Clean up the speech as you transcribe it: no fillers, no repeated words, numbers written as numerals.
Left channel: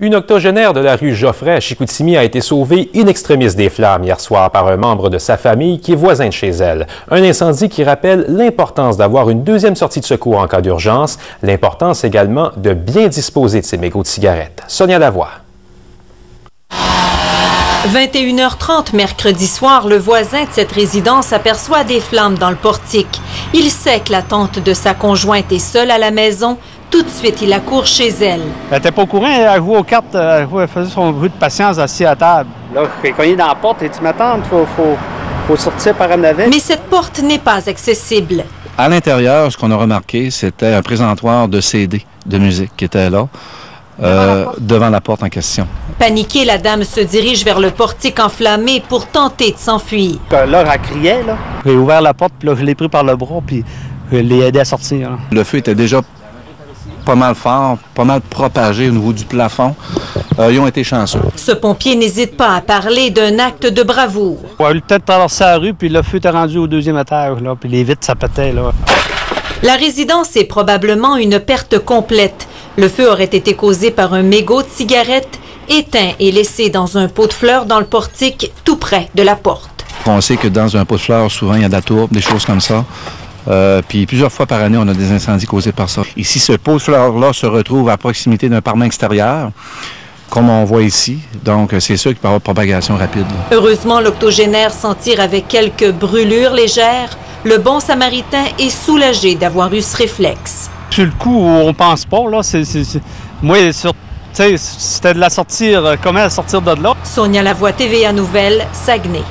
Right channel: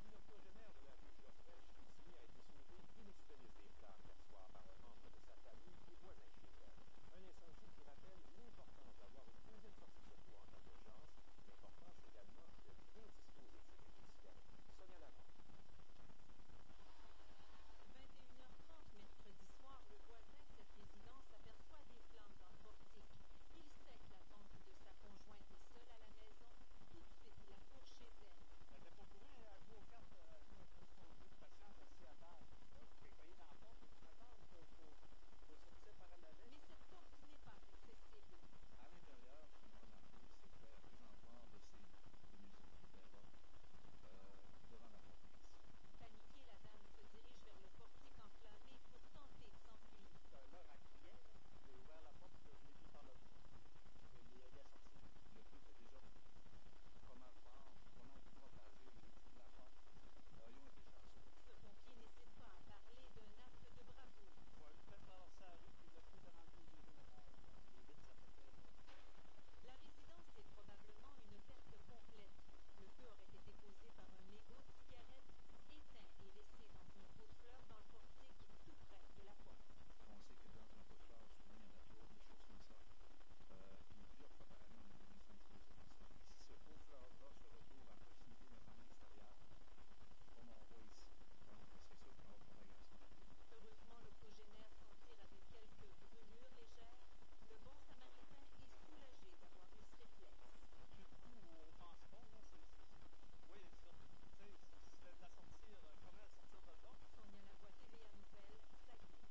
Une octogénaire de la rue Geoffrey à Chicoutimi a été sauvée in extremis des flammes hier soir par un membre de sa famille qui est voisin de chez elle. Un incendie qui rappelle l'importance d'avoir une deuxième sortie de secours en cas d'urgence, l'importance également de bien disposer de ses mégots de cigarettes. Sonia Lavoie. 21h30 mercredi soir, le voisin de cette résidence aperçoit des flammes dans le portique. Il sait que la tante de sa conjointe est seule à la maison. Tout de suite, il accourt chez elle. Elle n'était pas au courant, elle jouait aux cartes, elle faisait son bruit de patience assis à table. Là, je fais cogner dans la porte et tu m'attends, faut sortir par en avant. Mais cette porte n'est pas accessible. À l'intérieur, ce qu'on a remarqué, c'était un présentoir de CD de musique qui était là. Devant la porte en question. Paniquée, la dame se dirige vers le portique enflammé pour tenter de s'enfuir. Là, elle criait, là. J'ai ouvert la porte, puis là, je l'ai pris par le bras, puis je l'ai aidé à sortir. Là. Le feu était déjà pas mal fort, pas mal propagé au niveau du plafond. Ils ont été chanceux. Ce pompier n'hésite pas à parler d'un acte de bravoure. On a eu le temps de traverser la rue, puis le feu était rendu au deuxième étage, là, puis les vitres, ça pétait, là. La résidence est probablement une perte complète. Le feu aurait été causé par un mégot de cigarette éteint et laissé dans un pot de fleurs dans le portique tout près de la porte. On sait que dans un pot de fleurs, souvent, il y a de la tourbe, des choses comme ça. Puis plusieurs fois par année, on a des incendies causés par ça. Ici, ce pot de fleurs-là se retrouve à proximité d'un parement extérieur, comme on voit ici. Donc, c'est sûr qu'il peut y avoir propagation rapide. Là. Heureusement, l'octogénaire s'en tire avec quelques brûlures légères. Le bon samaritain est soulagé d'avoir eu ce réflexe. Sur le coup, on pense pas, là, moi, c'était de la sortir, comment sortir de là? Sonia Lavoie, TVA Nouvelles, Saguenay.